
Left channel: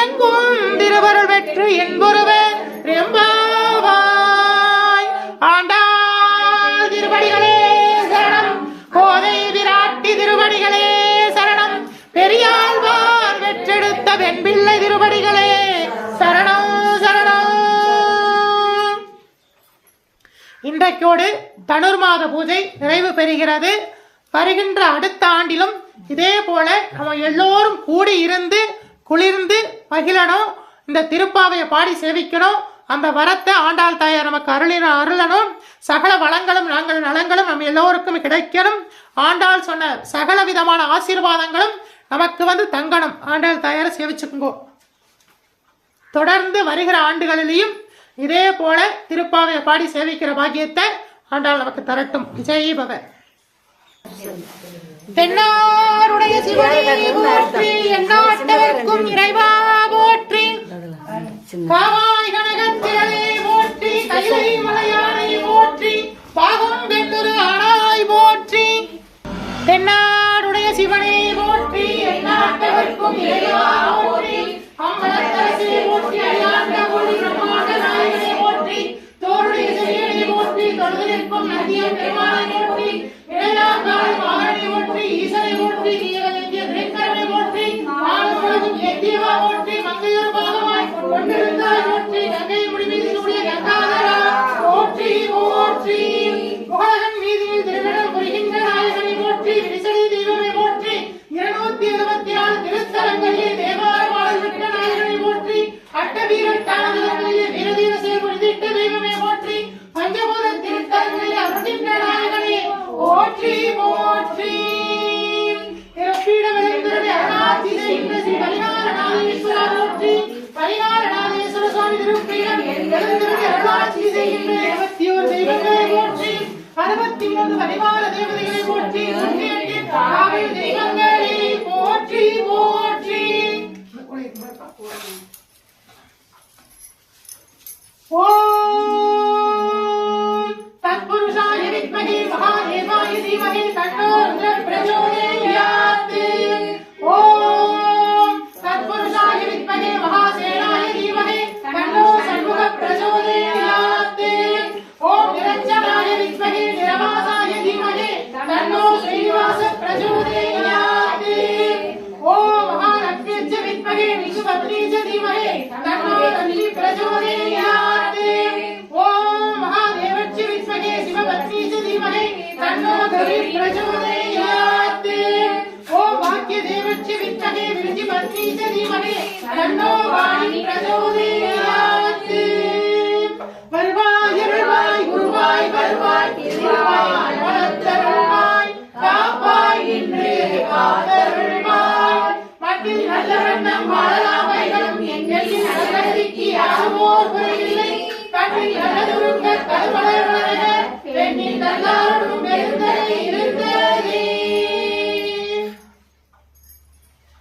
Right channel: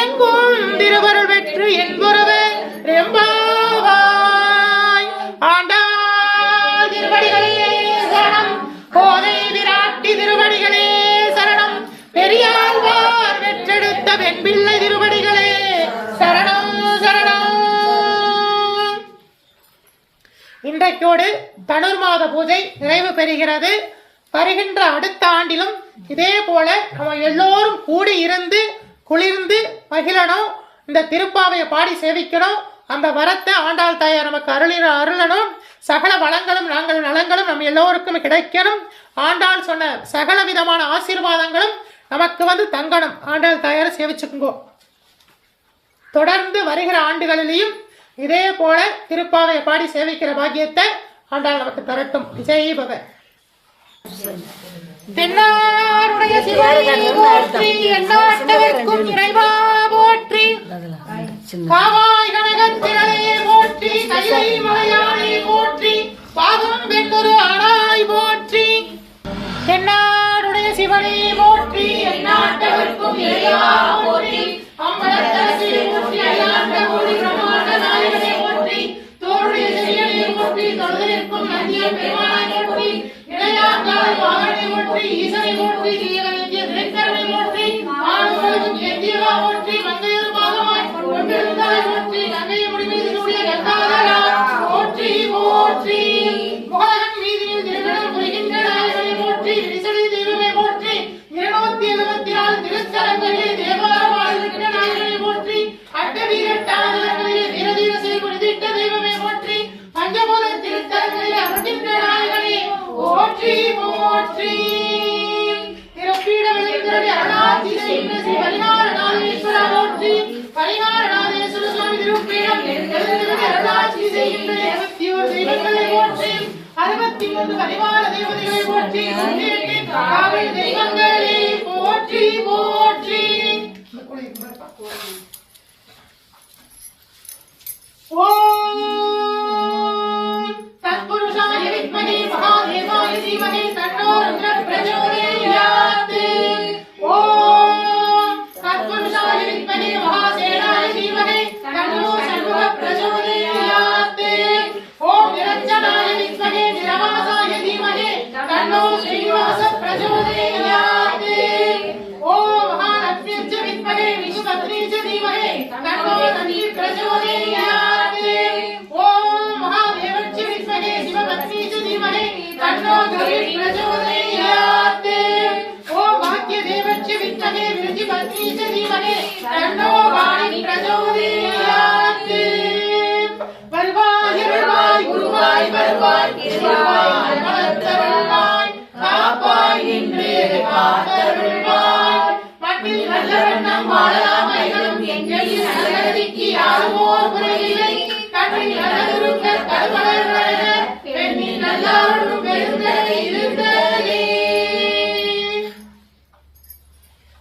எங்கும் திருவருள் வெற்று இன்புறுவர் என்பாவாய். ஆண்டாள் திருவடிகளே சரணம். கோதை விராட்டி திருவடிகளே சரணம். பெரியாழ்வார் வெற்றெடுத்த வெண்பிள்ளை திருவடிகளே சரணம் சரணம். இன்றைக்கோடு தனுர்மாத பூஜை நிறைவு பெறுகிறது. வருகின்ற அடுத்த ஆண்டிலும் இதே போல நம்ம எல்லோரும் கூடி இருந்து குளிர்ந்து மகிழணும். இந்த திருப்பாவையை பாடி சேவிக்கணும். அந்த வரத்தை ஆண்டாள் தாயார் நமக்கு அருளணும். சகல வளங்களும் நாங்கள் நலங்களும் நம்ம எல்லோருக்கும் கிடைக்கணும். ஆண்டாள் சொன்ன சகல விதமான ஆசீர்வாதங்களும் நமக்கு தங்கணும். ஆண்டாள் தாயாரை சேவிச்சுக்குங்கோ. தொடர்ந்து வருகிற ஆண்டுகளிலேயும் இதே போல திருப்பாவையை பாடி சேவிக்கிற பாக்கியத்தை ஆண்டாள் நமக்கு தரட்டும். விஜய் பவ. தென்னாருடைய சிவனை போற்றி, எந்நாட்டவர்க்கும் இறைவா போற்றி, காவாய் கனகத்திரளே போற்றி, கைலை மலையானை போற்றி, பாகம் வெண்குரு ஆனாய் போற்றி. தென்னாருடைய சிவனை போற்றி, எந்நாட்டவர்க்கும் இறைவா போற்றி, அம்பலத்தரசே போற்றி, அயலாண்ட கோடி பிரம்மாண்ட நாயகனே போற்றி, தோளுடைய செயலை போற்றி, தொழுதற்கும் நந்திய பெருமானை போற்றி, இளையாங்கால் வாகனை போற்றி, ஈசனை போற்றி, தீயவனிய திரைக்கரனை போற்றி, மாணவர்களும் எத்தியவா போற்றி, மங்கையர் பாகமாய் கொண்டிருந்தாய் போற்றி, நங்கை முடிவில் சூடிய கந்தாதரா போற்றி போற்றி. முகலகன் வீதியில் திருநடம் புரிகின்ற நாயகனை போற்றி, விரிசலை தெய்வமே போற்றி, 274 திருத்தலங்களிலே தேவார வாழ்கின்ற நாயகனை போற்றி, அட்டவீரட்டாளர்களிலே வீரதீர செய்திட்ட தெய்வமே போற்றி, பஞ்சபூத திருத்தலங்களிலே அருகின்ற நாயகனே போற்றி போற்றி. திருப்பீடவெளிந்தருடைய அருளாட்சி செய்கின்ற ஸ்ரீ பரிகாரநாதேஸ்வரா போற்றி, பரிகாரநாதேஸ்வர சுவாமி திருப்பீடம் எழுந்திருந்த அருளாட்சி செய்கின்ற 21 தெய்வங்களை போற்றி, 63 பரிவார தேவதைகளை போற்றி, 108 காவல் தெய்வங்களே போற்றி போற்றி. ஓம் தத்புருஷாய வித்மஹே மகாதேவாய தீமஹி தன்னோ ருத்ரः பிரச்சோதயாத். ஓம் தத்புருஷாய வித்மஹே மகாசேனாய தீமஹி தன்னோ சண்முகः பிரச்சோதயாத். ஓம் நிரஞ்சனாய வித்மஹே நிரவாசாய தீமஹி தன்னோ ஸ்ரீனிவாசः பிரச்சோதயாத். ஓம் மகாலக்ஷ்மிச்ச வித்மஹே விஷ்ணுபத்னீச்ச தீமஹி தன்னோ தன்வி பிரச்சோதயாத். ஓம் மகாதேவச்ச வித்மஹே சிவபத்னீச்ச தீமஹி தன்னோ தன்வி பிரச்சோதயாத். ஓம் வாக்யதேவச்ச வித்மஹே விருஜிபத்னீச்ச தீமஹி தன்னோ வாணி பிரச்சோதயாத். வருவாய் வருவாய் குருவாய் வருவாய் திருவாய் வளர்த்தருள்வாய் காப்பாய் என்றே காத்தருள்வாய். மட்டில் நல்ல வண்ணம் வாழலாமைகளும் எங்களின் நலகதிக்கு யாருவோர் குறையில்லை. கண்ணில் நல்லதுருக்க கருவளர் வளர பெண்ணின் நல்லாருடும் பெருந்தரை இருந்ததே.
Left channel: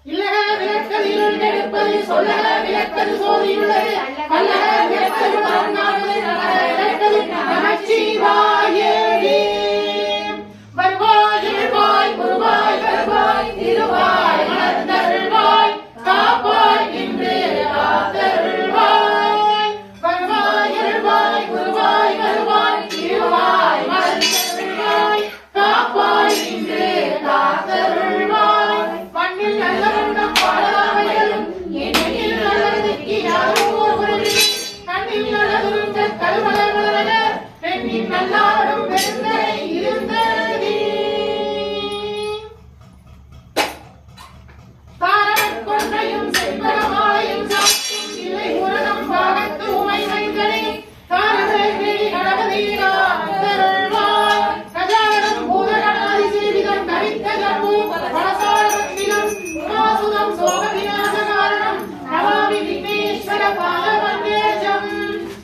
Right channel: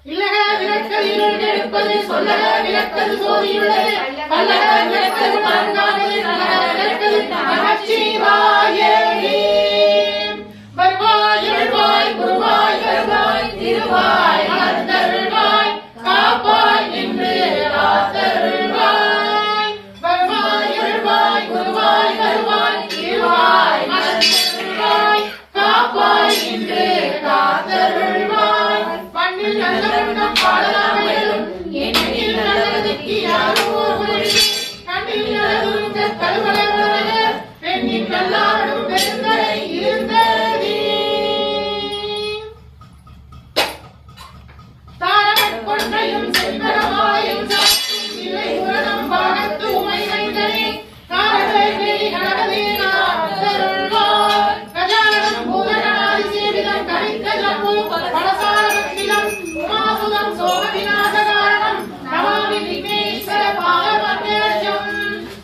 இல்லக விளக்கல் இருள் எடுப்பது சொல்லக விளக்கல் சோதியுள்ளது அல்லக விளக்கல் மாங்காடு நகர விளக்கல் நமச்சிவாயே. இன்னல்லாடும் பெருந்தரை இருந்ததி தாரகக் கொன்றையும் செந்தரமாயும் சாத்தும் இல்லை உரணம் பாகத்து உமை வைந்தனே காரகை கேடி கடகதீகளாத்தருள்வார் கஜானனம் பூதகணாதி சேவிதம் கரித்த ஜம்பு பலசார பக்திலம் உமாசுதம் சோக விநாச காரணம் நமாமி விக்னேஸ்வர பாலபந்தேஜம்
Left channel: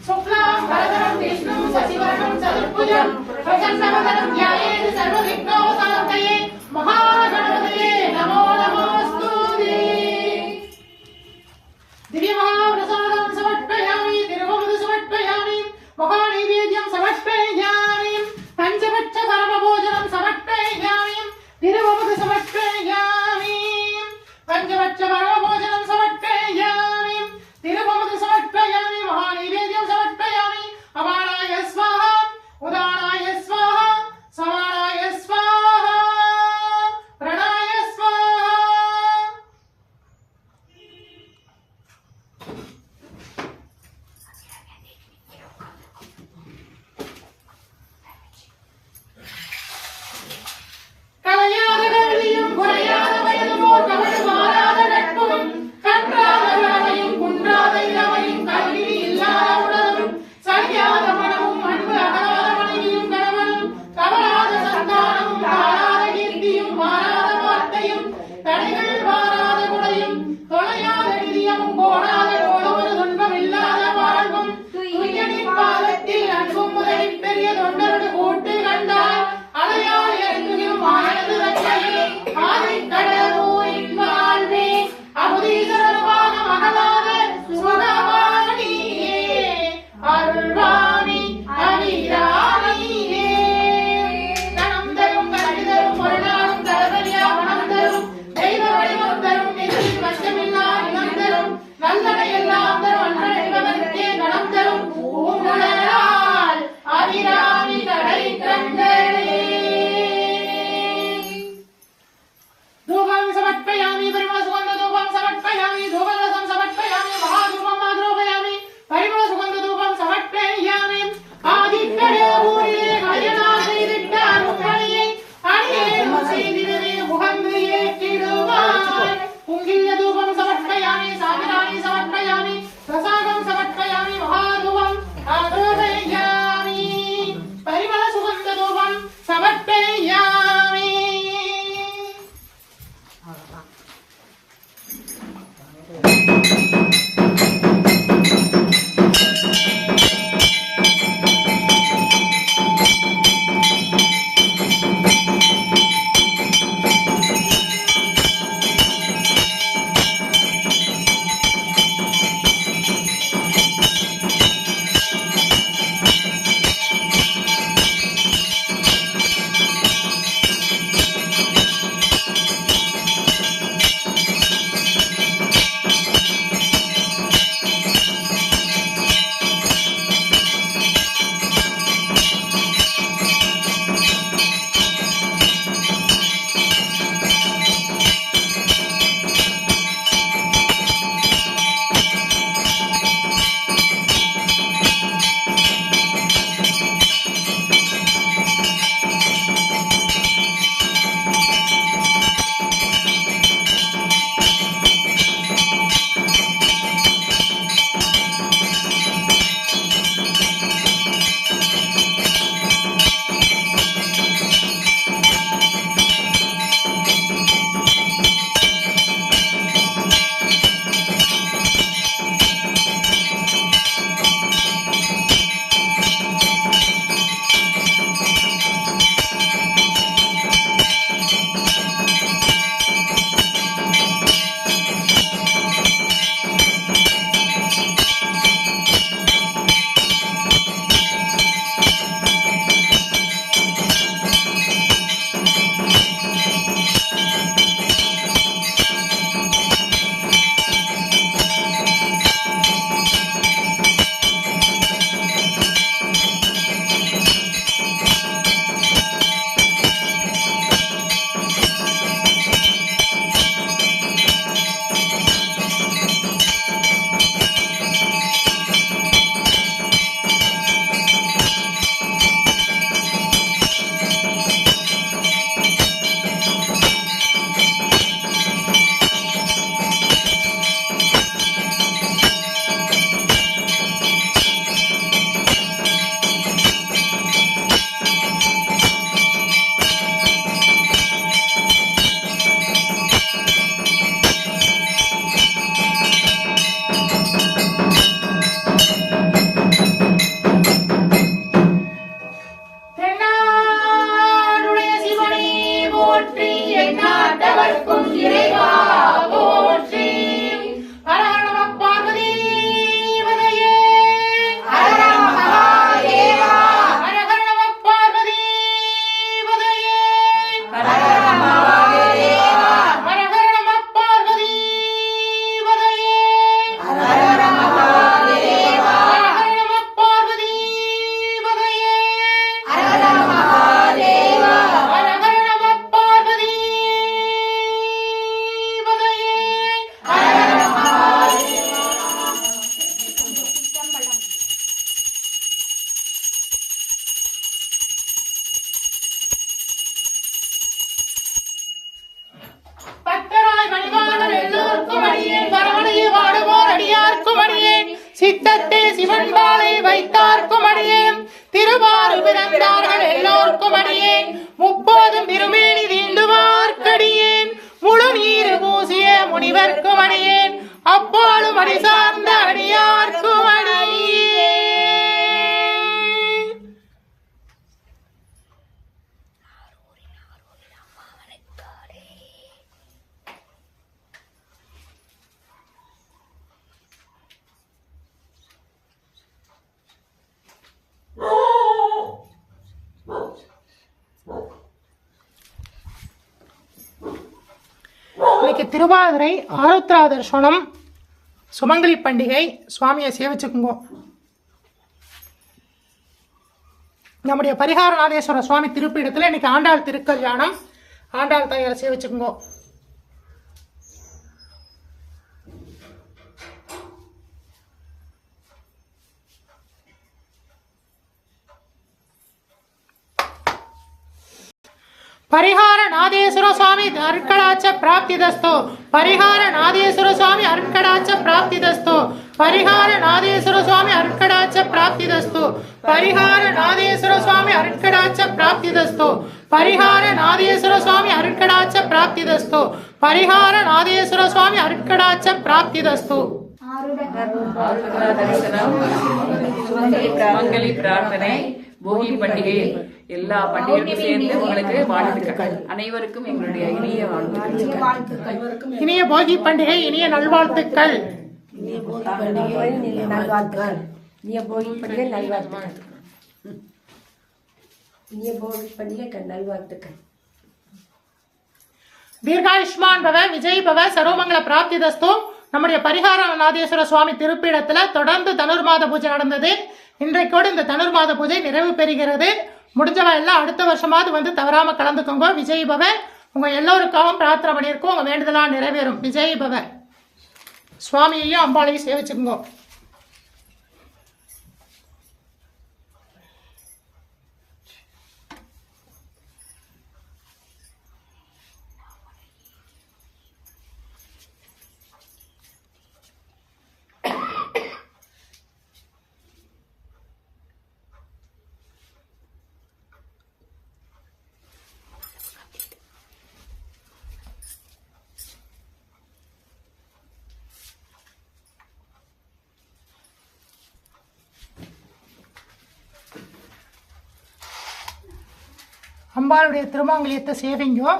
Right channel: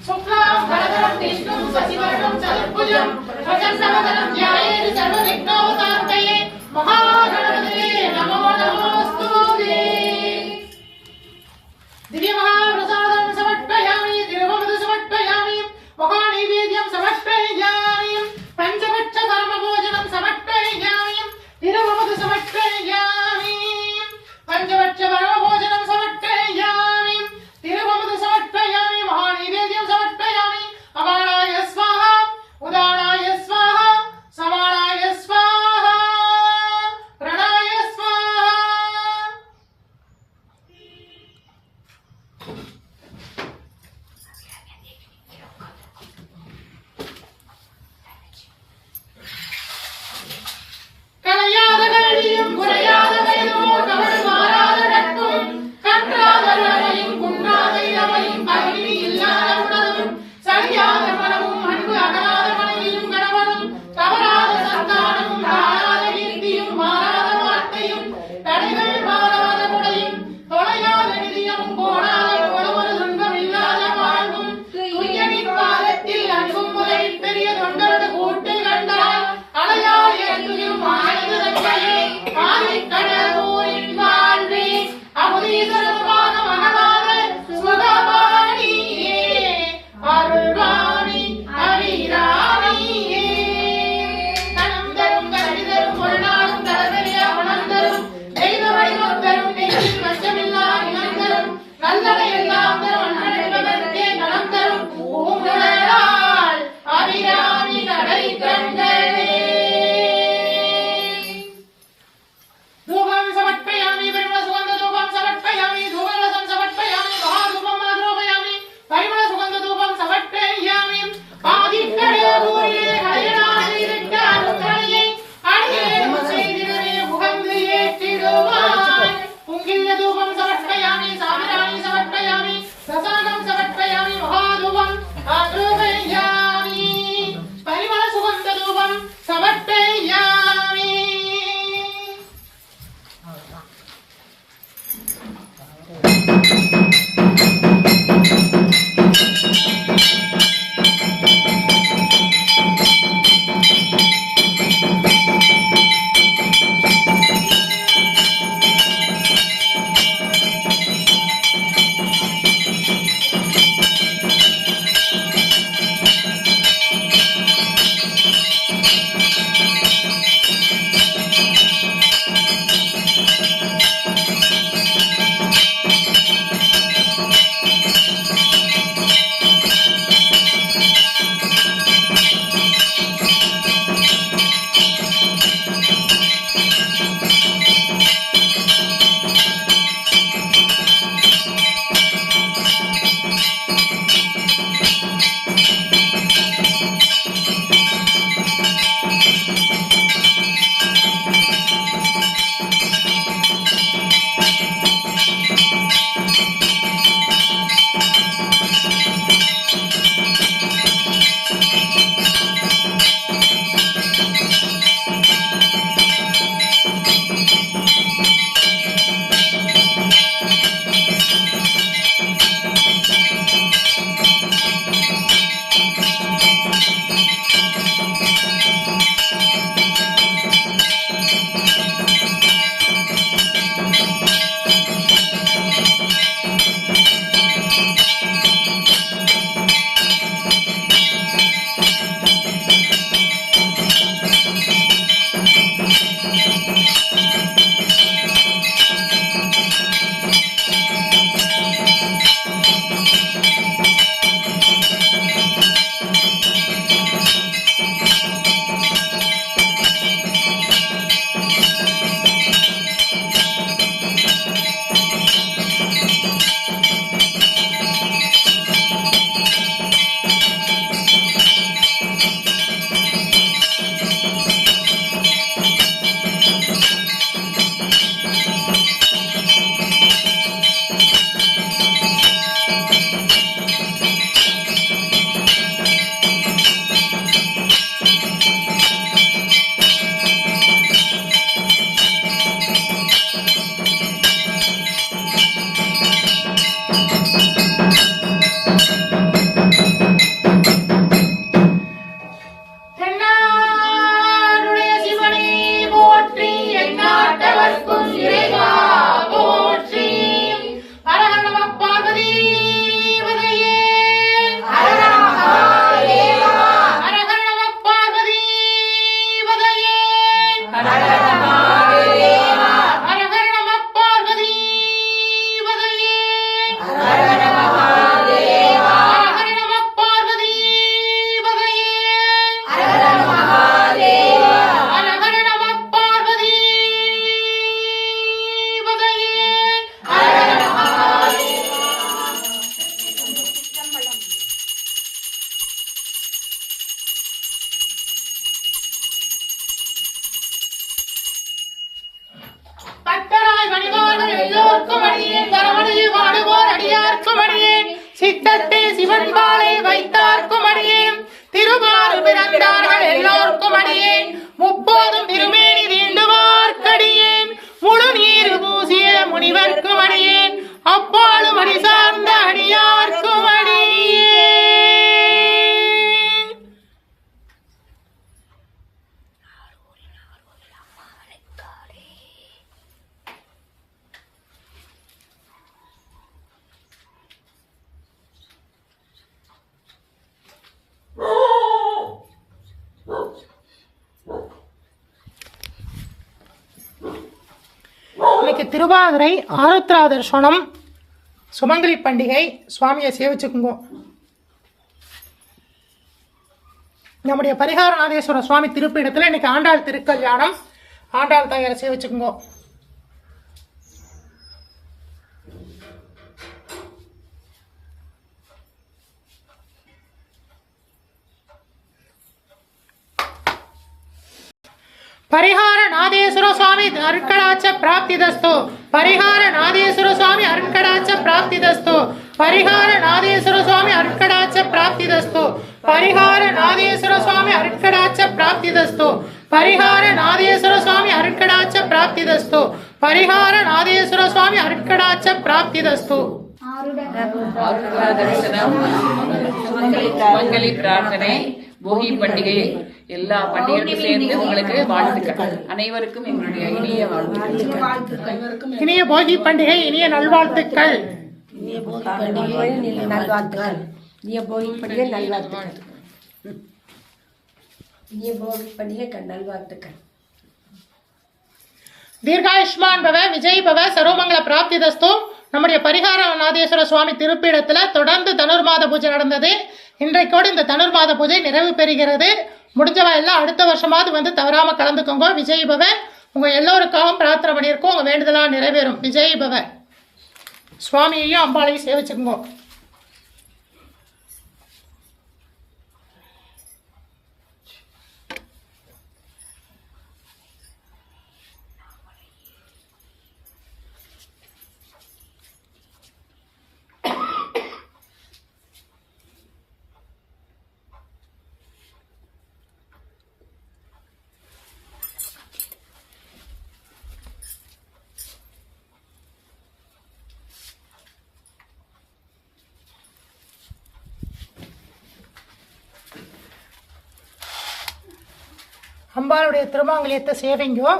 சுக்லாம் பரதரம் விஷ்ணும் சசிவர்ணம் சதுர்புஜம் பிரசன்னவதனம் த்யாயேத் சர்வவிக்னோபசாரணையே மகாகணபதயே நமோ நமோஸ்துதே திவ்யமகாபிரசாதம் சமர்ப்பயாமி திருவமது சமர்ப்பயாமி மகாநைவேத்யம் சமர்ப்பயாமி பஞ்சபட்ச பரமபோஜனம் சமர்ப்பயாமி திருவமது சமர்ப்பயாமி பஞ்சபட்ச பரமபோஜனம் சமர்ப்பயாமி திருவமது சமர்ப்பயாமி மகாநைவேத்யம் சமர்ப்பயாமி அபானாய ஸ்வாஹா உதானாய ஸ்வாஹா சமானாய ஸ்வாஹா திட்டத்தே சிவன் பாலை வைத்தார்க்கும் அடியேன் திருவாறு பிறந்தார்கள் எல்லோருக்கும் அடியேன் முப்போதும் திருமேனி தீண்டுவார்க்கடியேன் முழு நீரு பூசிய முனிவர்க்கும் அடியேன் அப்பாலும் அடி சார்ந்த அடியார்க்கும் அடியேன். இன்னைக்கு திருவாதிரை ஆருத்ரா தர்சனம் சுமங்கலி பண்டிகை. சுவாமியை சேவிச்சுக்குங்க. நம்முடைய பரிகாரநாதேஸ்வர சுவாமி திருப்பீடத்தில் இன்னைக்கு ஆண்டாள் திருக்கல்யாணம். ஆண்டாள் தாயாரை சேவிச்சுக்குங்க. பரிகார நாதேஸ்வர சுவாமி அருட்கடாட்ச பிராப்திதஸ்து. பரிகார நாதேஸ்வர சுவாமி அருட்கடாட்ச பிராப்திதஸ்து. பரிகார நாதேஸ்வர சுவாமி அருட்கடாட்ச பிராப்திதஸ்து. பரிகார நாதேஸ்வர சுவாமி அருட்கடாட்ச பிராப்திதஸ்து. பரிகார நாதேஸ்வர சுவாமி அருட்கடாட்ச பிராப்திதஸ்து. பரிகார நாதேஸ்வர சுவாமி அருட்கடாட்ச பிராப்திதஸ்து. சுமங்கலி பிரார்த்தனை போகி பண்டிகை எல்லா பண்டிகையும் சேர்ந்து உங்களுக்கு வாழ்த்துக்கள். அனைவருக்கும் எங்களுடைய இனிய வாழ்த்துக்கள். இனிய போகி பண்டிகை இனிய நல்வாழ்த்துக்கள். இனிய போகி பண்டிகை நல்வாழ்த்துக்கள். இனிய போகி பண்டிகை நல்வாழ்த்துக்கள். இனிய போகி பண்டிகை நல்வாழ்த்துக்கள். தீர்காயுஷ்மான் பவ விஜய் பவ சர்வமங்கல பிராப்திதஸ்து. நம்முடைய பரிகார நாதேஸ்வர சுவாமி திருப்பீடத்துல தொடர்ந்து தனுர்மாத பூஜை நடந்தது. இன்றைக்கோடு இந்த தனுர்மாத பூஜை நிறைவு பெறுகிறது. முடிஞ்சவா எல்லாம் அடுத்த வருஷமாவது வந்து தவறாம கலந்துக்கோங்க. விஜய் பவ. உங்க எல்லோருக்காகவும் பிரார்த்தனை பண்ணியிருக்கோம். உங்க வேண்டுதலாம் நிறைவேறும். விஜய் பவ. சுவாமியையும் அம்பாளையும் சேவிச்சுக்கோங்க. அம்பாளுடைய திருமாங்கல்யத்தை சேவிங்கோ.